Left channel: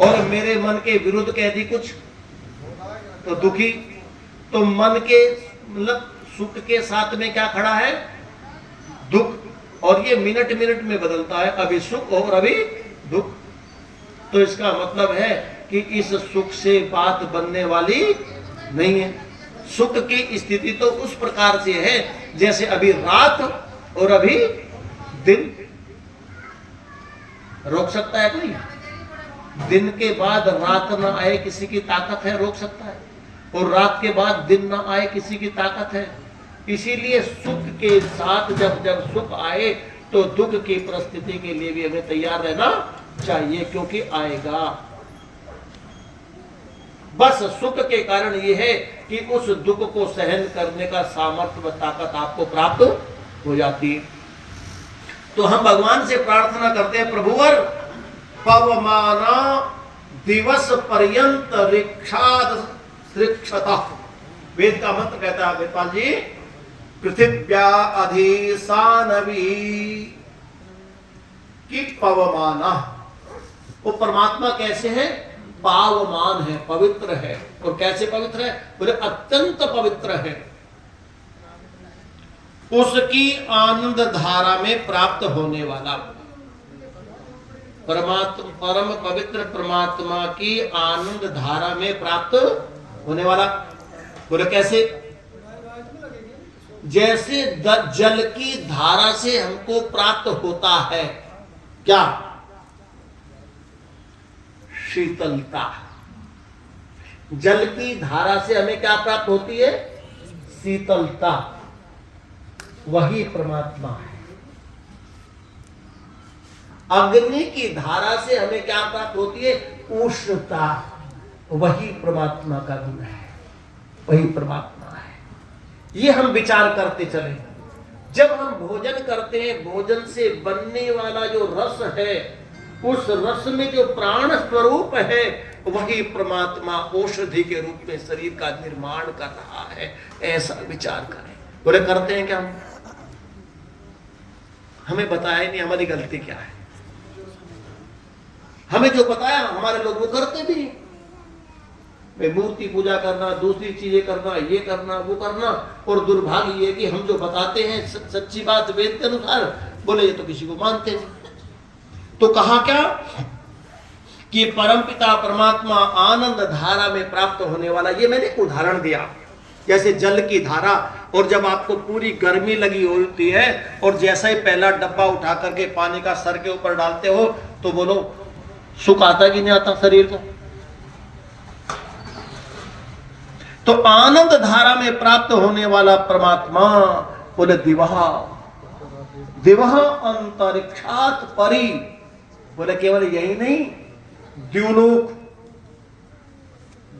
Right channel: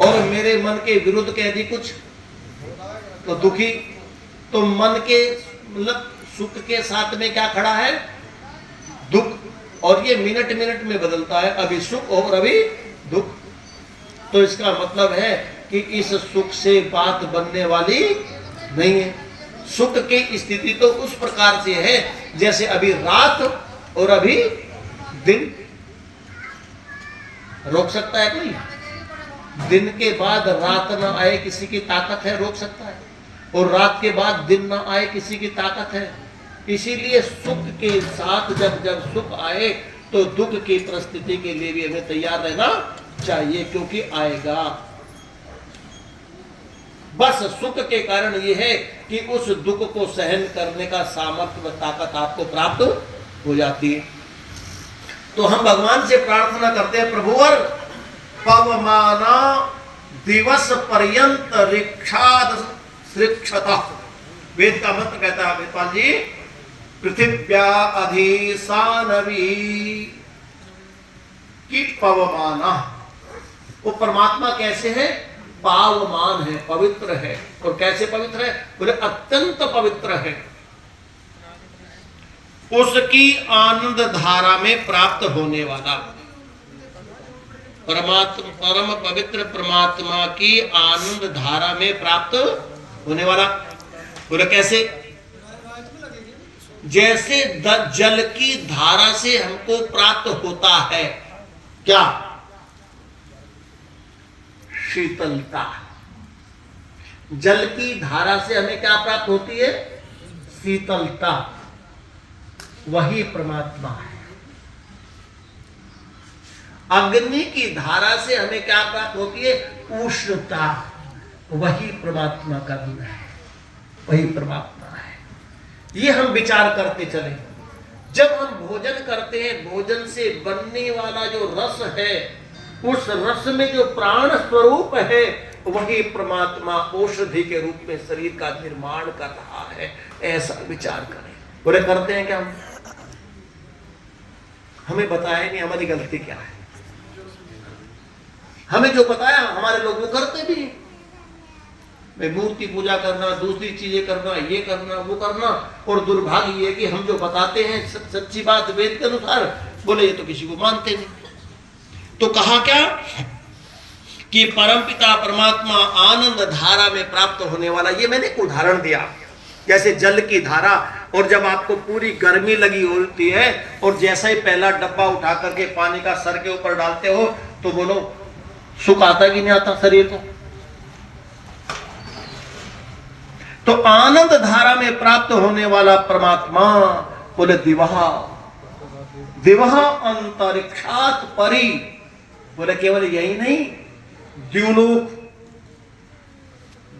और मेरे मन के विरुद्ध कह दी कुछ तो दुखी। तो मन के मतलब सुख के साथ में क्या खड़ा है? दुख। और ये मिनट मिनट में बदलता है, अभी सुख और अभी दुख। तो इसका मतलब है कि इस सुख से बात बनने वाली नहीं है। सुख की स्थिति तो उस प्रकार से है जैसे अभी रात और अभी दिन। रोक सकता है कोई? दिन के बाद रात न आए किसी की ताकत है? रोक सकता है? और रात के बाद दिन न आए किसी की ताकत है? इसीलिए सुख के साथ जब जब सुख आए तो दुख की परिस्थिति के लिए भी हमें तैयार रहना चाहिए, क्योंकि आएगा। बस सुख के कारण यह है कि उस दुख को सहन करने का सामर्थ्य व ताकत आपको प्राप्त हो जाती है। तो हम भगवान से प्रार्थना करते हैं, प्रभुवर पवमाना दिवस पर्यंत रिक्षाद श्रिक्षता। वेद का मंत्र कहता है वेदपाल जी, पृथिव्या अधिसानवी की पवमाना। वो परमात्मा कैसे है? पावमान है, पवित्र है। और कैसे पवित्र है? बोले अत्यंत पवित्र है। उसकी आनंद धारा में प्राप्त होने वाला परमात्मा, परम पवित्र परमात्मा की आनंद धारा में प्राप्त होने वाला। बोले कैसे? जैसे जल की धारा से हमको प्राप्त होता है क्या? शीतलता। जल की धारा से हमें क्या प्राप्त होती है? शीतलता। वही परमात्मा है। अग्नि की धारा से हमें क्या प्राप्त होती है? उष्णता। वही परमात्मा का गुण है, वही परमात्मा है। ये हम विचार करते चले। जब हम भोजन करते हैं, भोजन से बनने वाला जो रस है, उस रस में जो प्राण स्वरूप है, वही परमात्मा औषधि के रूप में शरीर का निर्माण कर रहा है। ऐसा विचार करें। बोले करते हैं क्या हम? हमें बताया नहीं हमारी गलती क्या है। हमें जो बताया हमारे लोग वो करते भी नहीं। मूर्ति पूजा करना, दूसरी चीजें करना, ये करना, वो करना। और दुर्भाग्य ये कि हम जो बताते हैं सच्ची बात वेद के अनुसार, बोले ये तो किसी को मानते नहीं। तो कहा क्या कि परमपिता परमात्मा आनंद धारा में प्राप्त होने वाला। ये मैंने एक उदाहरण दिया, जैसे जल की धारा। और जब आपको पूरी गर्मी लगी होती है और जैसा ही पहला डब्बा उठा करके पानी का सर के ऊपर डालते हो, तो बोलो सुख आता कि नहीं आता शरीर को? तो आनंद धारा में प्राप्त होने वाला परमात्मा, बोले दिवहा दिवहा अंतरिक्षात परी। बोले केवल यही नहीं, द्युलोक,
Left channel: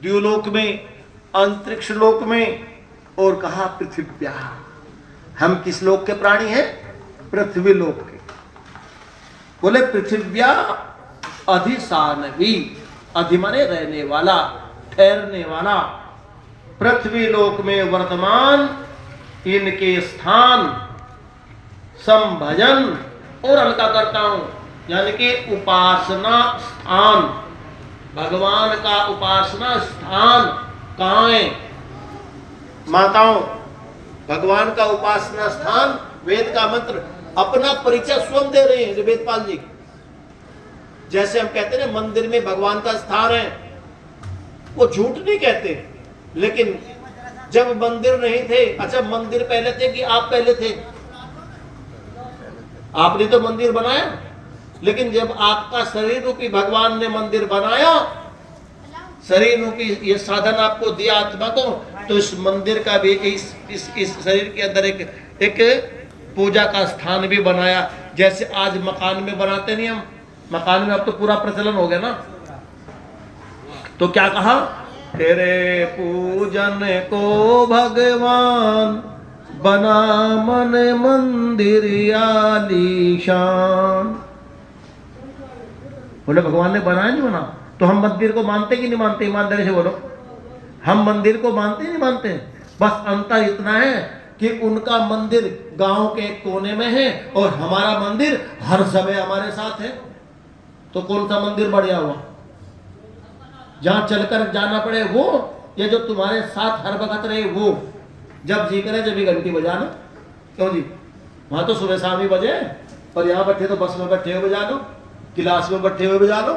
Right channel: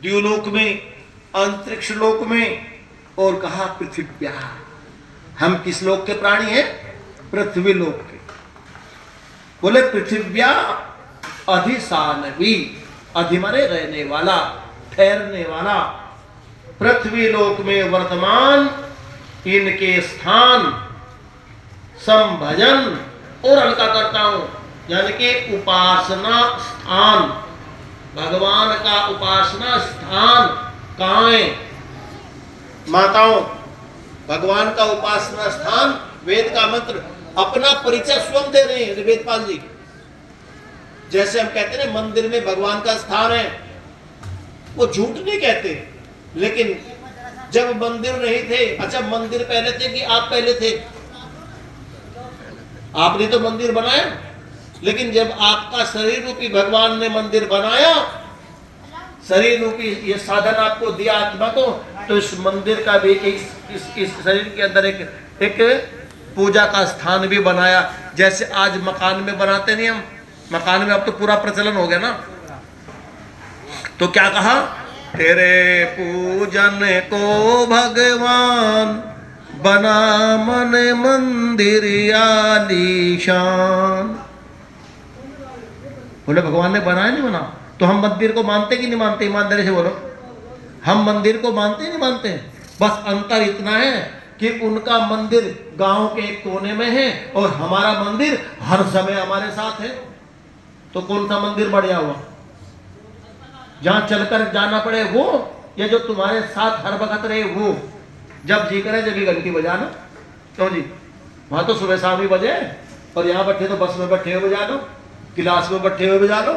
द्युलोक में, अंतरिक्ष लोक में। और कहा पृथ्व्या। हम किस लोक के प्राणी हैं? पृथ्वी लोक के। बोले पृथ्व्या अधिसानवी। अधि माने रहने वाला, ठहरने वाला। पृथ्वी लोक में वर्तमान इनके स्थान संभजन, और हल्का करता हूं, यानी कि उपासना स्थान। भगवान का उपासना स्थान कहां है? माताओं, भगवान का उपासना स्थान, वेद का मंत्र। अपना परिचय स्वयं दे रहे हैं वेदपाल जी। जैसे हम कहते हैं मंदिर में भगवान का स्थान है, वो झूठ नहीं कहते। लेकिन जब मंदिर नहीं थे, अच्छा मंदिर पहले थे कि आप पहले थे? आपने तो मंदिर बनाया। लेकिन जब आपका शरीर रूपी भगवान ने मंदिर बनाया, शरीर रूपी ये साधन आपको दिया आत्मा को, तो इस मंदिर का भी इस शरीर के अंदर एक पूजा का स्थान भी बनाया। जैसे आज मकान में बनाते नहीं हम, मकान में अब तो पूरा प्रचलन हो गया ना। तो क्या कहा? तेरे पूजन को भगवान बना मन मंदिर आलीशान। बोले भगवान ने बनाया नहीं बना? तो हम मंदिर को मानते कि नहीं मानते? ईमानदारी से बोलो, हम मंदिर को मानते नहीं मानते? बस अंतर इतना है कि उनका मंदिर गांव के एक कोने में है और हमारा मंदिर हर समय हमारे साथ है। तो कौन सा मंदिर बढ़िया हुआ? जहां चलकर जाना पड़े वो, या जो तुम्हारे साथ हर वक्त रहे वो? जब जी करे जब भी घंटी बजाना। क्यों जी? वहां तो सुबह शाम ही बजे, और यहाँ बैठे तो बस में बैठे हुए बजा लो, क्लास में बैठे हुए बजा लो।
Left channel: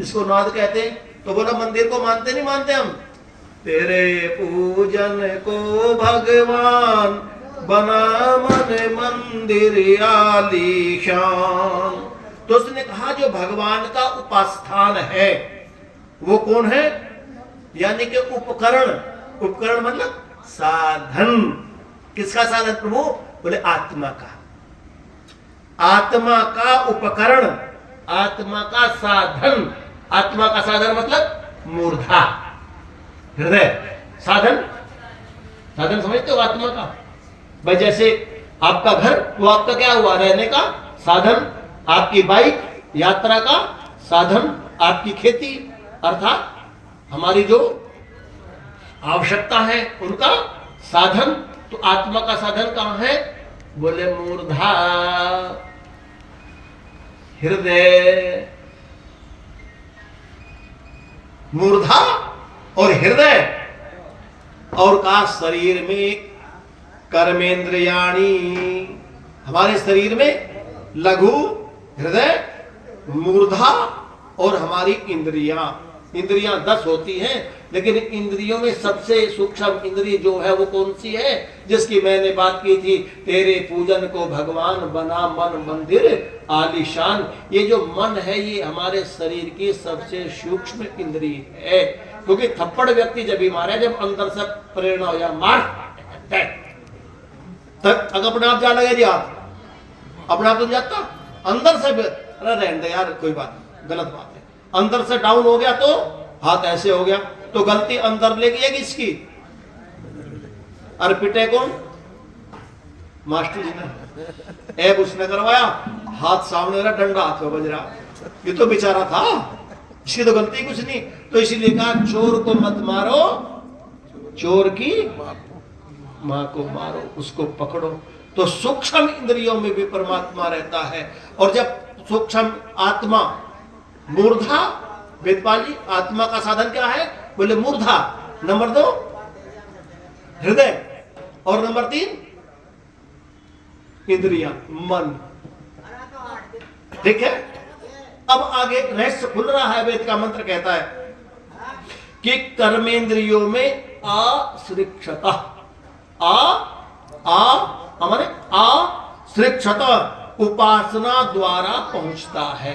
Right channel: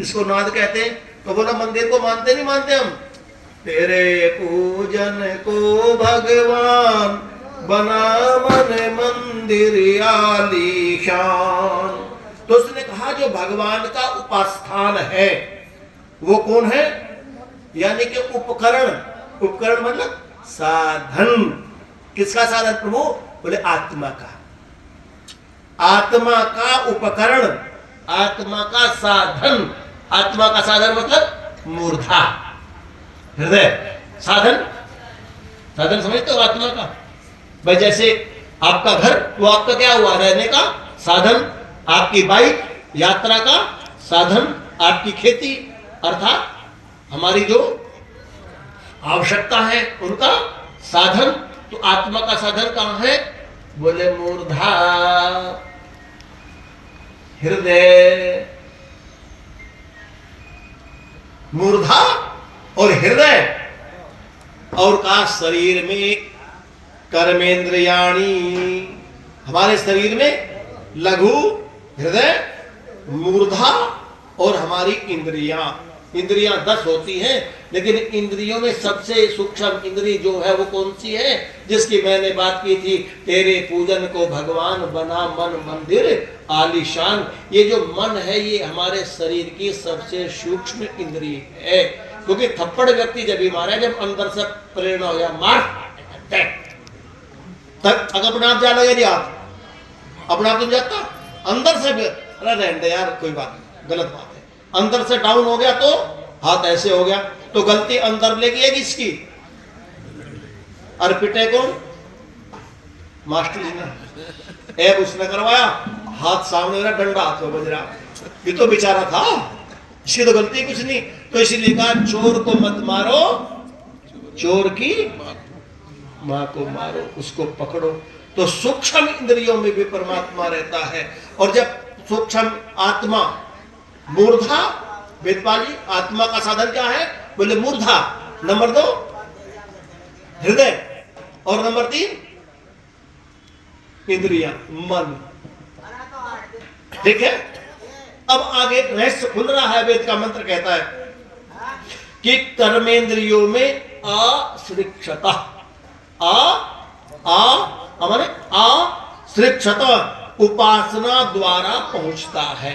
इसको नाद कहते हैं। तो बोला मंदिर को मानते नहीं मानते हम? तेरे पूजन को भगवान बना मन मंदिर आलीशान। तो उसने कहा जो भगवान का उपास्थान है वो कौन है? यानी कि उपकरण। उपकरण मतलब साधन। किसका साधन प्रभु? बोले आत्मा का। आत्मा का उपकरण, आत्मा का साधन। आत्मा का साधन मतलब मूर्धा, हृदय। साधन, साधन समझते हो आत्मा का? भाई जैसे आपका घर, वो आपका क्या हुआ? रहने का साधन। आपकी बाइक यात्रा का साधन। आपकी खेती अर्थात हमारी जो आवश्यकता है उनका साधन। तो आत्मा का साधन कहां है? बोले मूर्धा, हृदय। मूर्धा और हृदय, और का शरीर में कर्मेंद्रियाणी। हमारे शरीर में लघु, हृदय, मूर्धा और हमारी इंद्रियां। इंद्रियां 10 होती हैं, लेकिन इंद्रियों में सबसे सूक्ष्म इंद्रिय जो है वो कौन सी है? जिसकी मैंने बात की थी, तेरे पूजन को भगवान बना मन मंदिर आलीशान। ये जो मन है ये हमारे शरीर की सबसे सूक्ष्म इंद्रिय है। क्योंकि थप्पड़ व्यक्ति जब भी मारे, जब अंदर से प्रेरणा हो या मार तक अपने आप जा लगे जी। आप अपने आप तो जाता, अंदर से रहने दे यार, कोई बात नहीं, गलत बात है। अंदर से डाउन हो गया तो हाथ ऐसे हो गया, तो गलती अंदर लेगी है किसकी? अर्पिटे कौन? मास्टर जी ने। ऐब उसने करवाया, हाथ सामने रहा, डंडा हाथ में बज रहा। ये तो बेचारा था, इसकी तो गलती कुछ नहीं। तो इसीलिए कहा चोर को मत मारो, चोर की मां को मारो, उसको पकड़ो। तो सूक्ष्म इंद्रियों में भी परमात्मा रहता है। और जब सूक्ष्म आत्मा मूर्धा, वेदपाली आत्मा का साधन क्या है? बोले मूर्धा। नंबर 2 हृदय, और नंबर 3 इंद्रियां, मन। ठीक है। अब आगे रहस्य खुल रहा है। वेद का मंत्र कहता है कि कर्मेंद्रियों में आश्रिक्षता, हमारे आश्रिक्षता उपासना द्वारा पहुंचता है।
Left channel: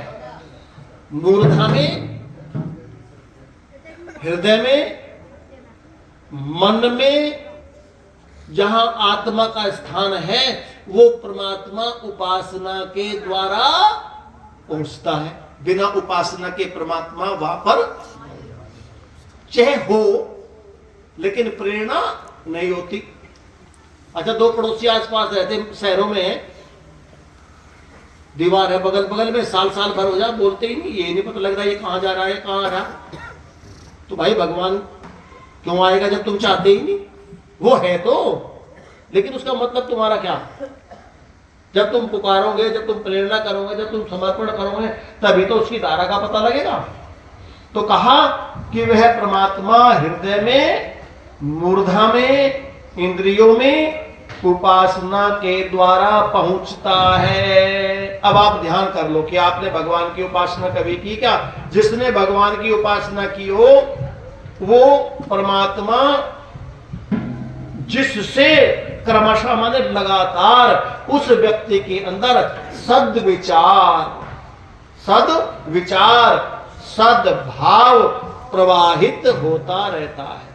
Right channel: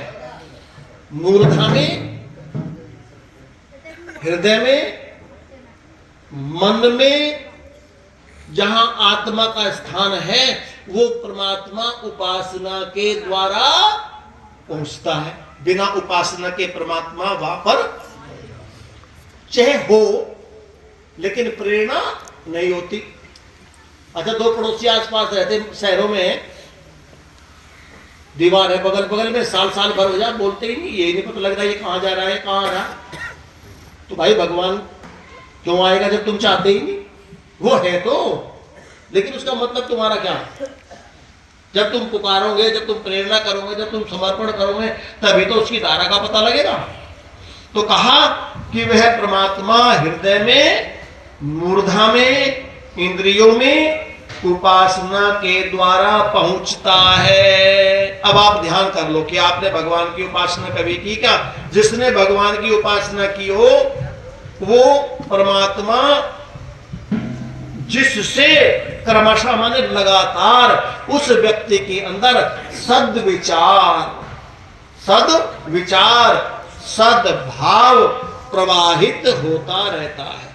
मूर्धा में, हृदय में, मन में जहां आत्मा का स्थान है वो परमात्मा उपासना के द्वारा पहुंचता है। बिना उपासना के परमात्मा वहां पर चाहे हो, लेकिन प्रेरणा नहीं होती। अच्छा, 2 पड़ोसी आसपास रहते, शहरों में है, दीवार है बगल बगल में, साल साल भर हो जाए बोलते ही नहीं, ये नहीं पता लग रहा ये कहां जा रहा है, कहां आ रहा। तो भाई भगवान क्यों आएगा जब तुम चाहते ही नहीं? वो है तो, लेकिन उसका मतलब तुम्हारा क्या है? जब तुम पुकारोगे, जब तुम प्रेरणा करोगे, जब तुम समर्पण करोगे, तभी तो उसकी धारा का पता लगेगा। तो कहा कि वह परमात्मा हृदय में, मूर्धा में, इंद्रियों में उपासना के द्वारा पहुंचता है। अब आप ध्यान कर लो कि आपने भगवान की उपासना कभी की क्या? जिसने भगवान की उपासना की हो वो परमात्मा जिससे क्रमशः माने लगातार उस व्यक्ति के अंदर सद्विचार, सद्भाव प्रवाहित होता रहता है।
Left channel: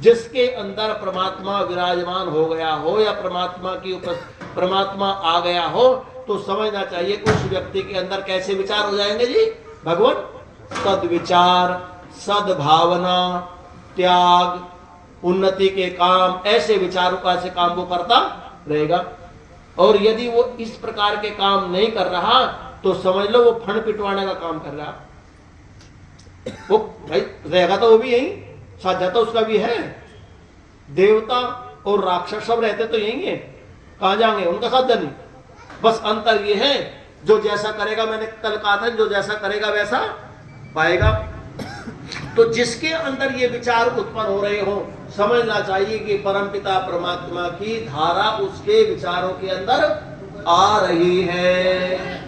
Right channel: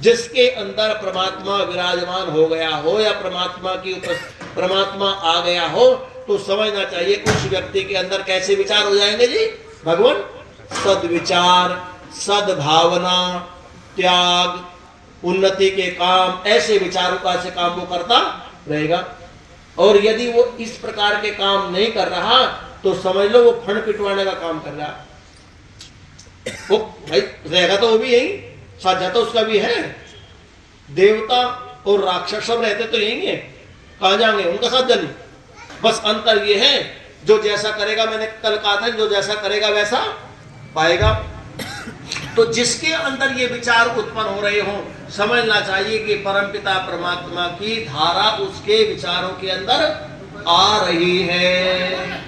जिसके अंदर परमात्मा विराजमान हो गया हो या परमात्मा आ गया हो, तो समझना चाहिए उस व्यक्ति के अंदर कैसे विचार हो जाएंगे जी? भगवान सद्विचार, सद्भावना, त्याग, उन्नति के काम, ऐसे विचारों का से काम वो करता रहेगा। और यदि वो इस प्रकार के काम नहीं कर रहा तो समझ लो वो फंड पिटवाने का काम कर रहा। वो भाई रहेगा तो वो भी यही, साझा तो उसका भी है। देवता और राक्षस सब रहते तो यही है, कहां जाएंगे? उनका साझा नहीं। बस अंतर ये है, जो जैसा करेगा, मैंने कल कहा था, जो जैसा करेगा वैसा पाएगा। तो जिसके अंदर ये विचार उत्पन्न हो रहे हो, समझना चाहिए कि परमपिता परमात्मा की धारा उसके विचारों के अंदर आ रही है।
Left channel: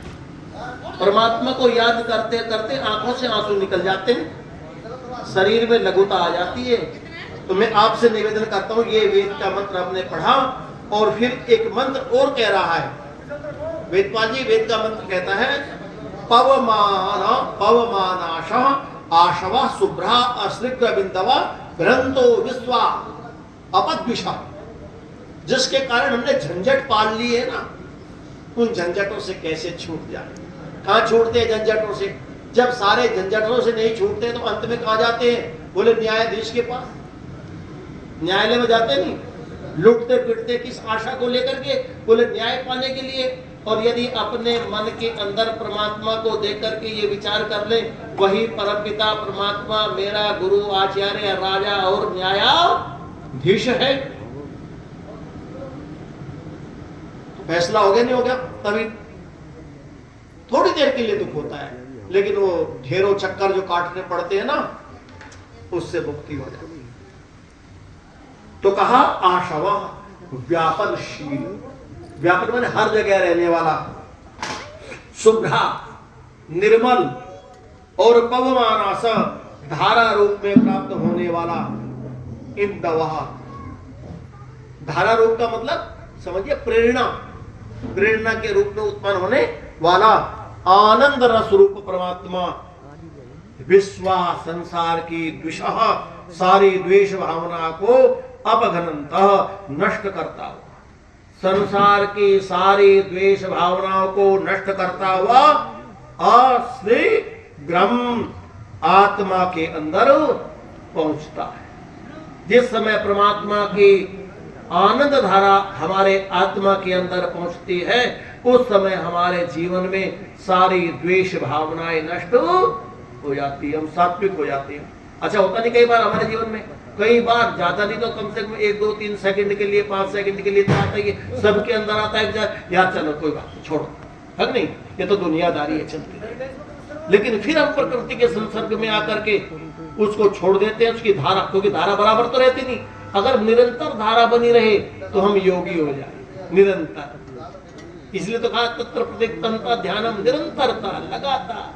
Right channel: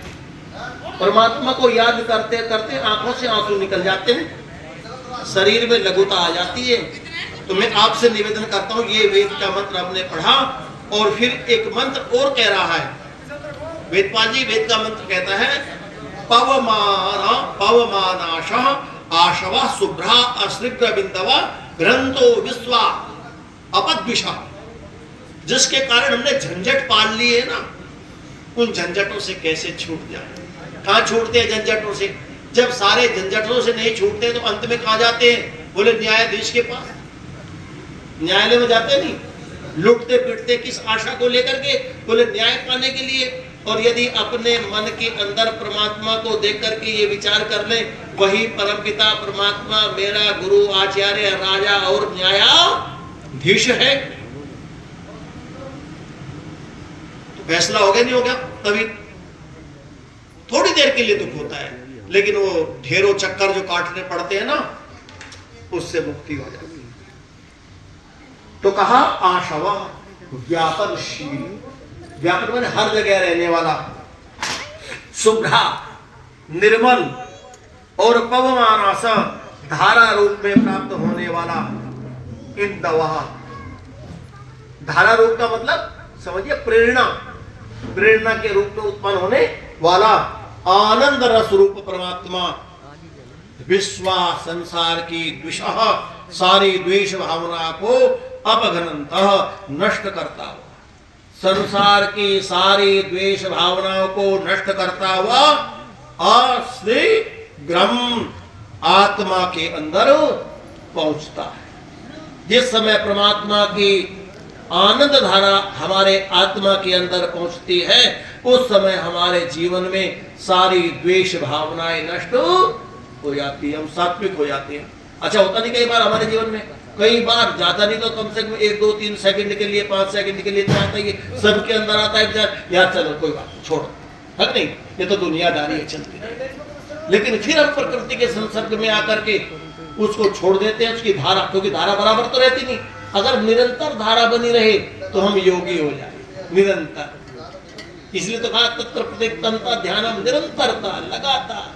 परमात्मा को याद करते करते आंखों से आंसू निकल जाते हैं, शरीर में लघुता आ जाती है। तो मैं आपसे निवेदन करता हूं, ये वेद का मंत्र आपने पढ़ा और फिर एक मंत्र और कह रहा है वेदपाल जी। वेद का मंत्र कहता है पवमानाश आशवा शुभ्रा अश्रिग्र बिंदवा ग्रंथो विश्वा अपद्विषा। जिसके कारण हमने झंझट पाल ली है ना, उन झंझटों से कैसे छूट जाए। कहां छूटते हैं झंझटों से? जब सारे झंझटों से नहीं छूटते तो अंत में कहां जाते हैं? बोले न्यायाधीश के पास, न्यायालय में जाते नहीं, लुटते पिटते किस आशा को लेकर के? बोले न्याय पाने के लिए। और यदि अपने मन के अंदर परमात्मा को देख करके ये विचार कर ले, वही परमपिता परमात्मा मेरा गुरु आचार्य राजा और न्यायाधीश है, तो फैसला हो गया नहीं हो गया? तभी थोड़ी देर के लिए दुख होता है, लेकिन वो ढेरों चक्कर जो काटने पड़ते हैं ना, उससे मुक्ति हो जाती है। तो कहा आशवा व्यापनशील, व्यापन माने हर जगह रहने वाला, शुभ्रा निर्मल और पवमानस धारा रूप में प्राप्त होने वाला। इन दवा, धारा रूप का मतलब समझिए प्रेरणा, प्रेरणा के रूप में उत्पन्न होने वाला आनंद रस रूप परमात्मा विश्वा संसार की द्विषः सारी द्वेष भावना को अपघनंतः नष्ट करता हुआ, संसार की सारी द्वेष भावनाओं को नष्ट करता हुआ अश्रीग्रम आत्मा के अंदर पहुंचता है। जिस समय परमात्मा की आनंद धारा हमारे आत्मा के अंदर पहुंचती है, उस समय हमारे जीवन में सारी द्वेष भावनाएं नष्ट हो जाती है, हम सात्विक हो जाते हैं। अच्छा होता नहीं कई बार हमारे जीवन में, कई बार ज्यादा नहीं तो कम से कम 1 2 3 सेकंड के लिए 5 सेकंड के लिए तो आता है, सबके अंदर आता है विचार, यार चलो कोई बात छोड़ो, है नहीं, ये तो दुनियादारी है चलती है। लेकिन फिर हम प्रकृति के संसर्ग में आकर के उसको छोड़ देते हैं, उसकी धारा, क्योंकि धारा बराबर तो रहती नहीं। अगर निरंतर धारा बनी रहे तो हम योगी हो जाए निरंतर। इसलिए तो कहा तत्र प्रत्यक्तंता ध्यानम निरंतरता, लगातार।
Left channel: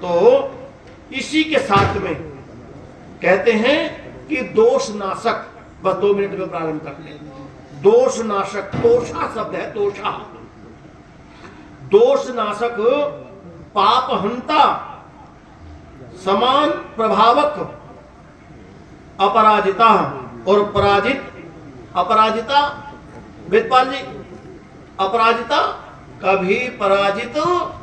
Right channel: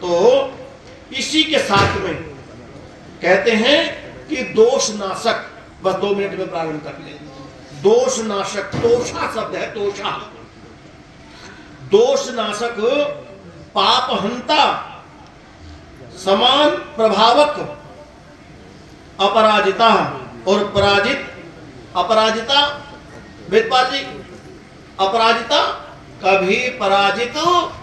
तो इसी के साथ में कहते हैं कि दोष नाशक, बस 2 मिनट में प्रारंभ कर ले। दोष नाशक, तोषा शब्द है, तोषा, दोष नाशक, पाप हंता, समान प्रभावक, अपराजिता और पराजित। अपराजिता वेदपाल जी, अपराजिता कभी पराजित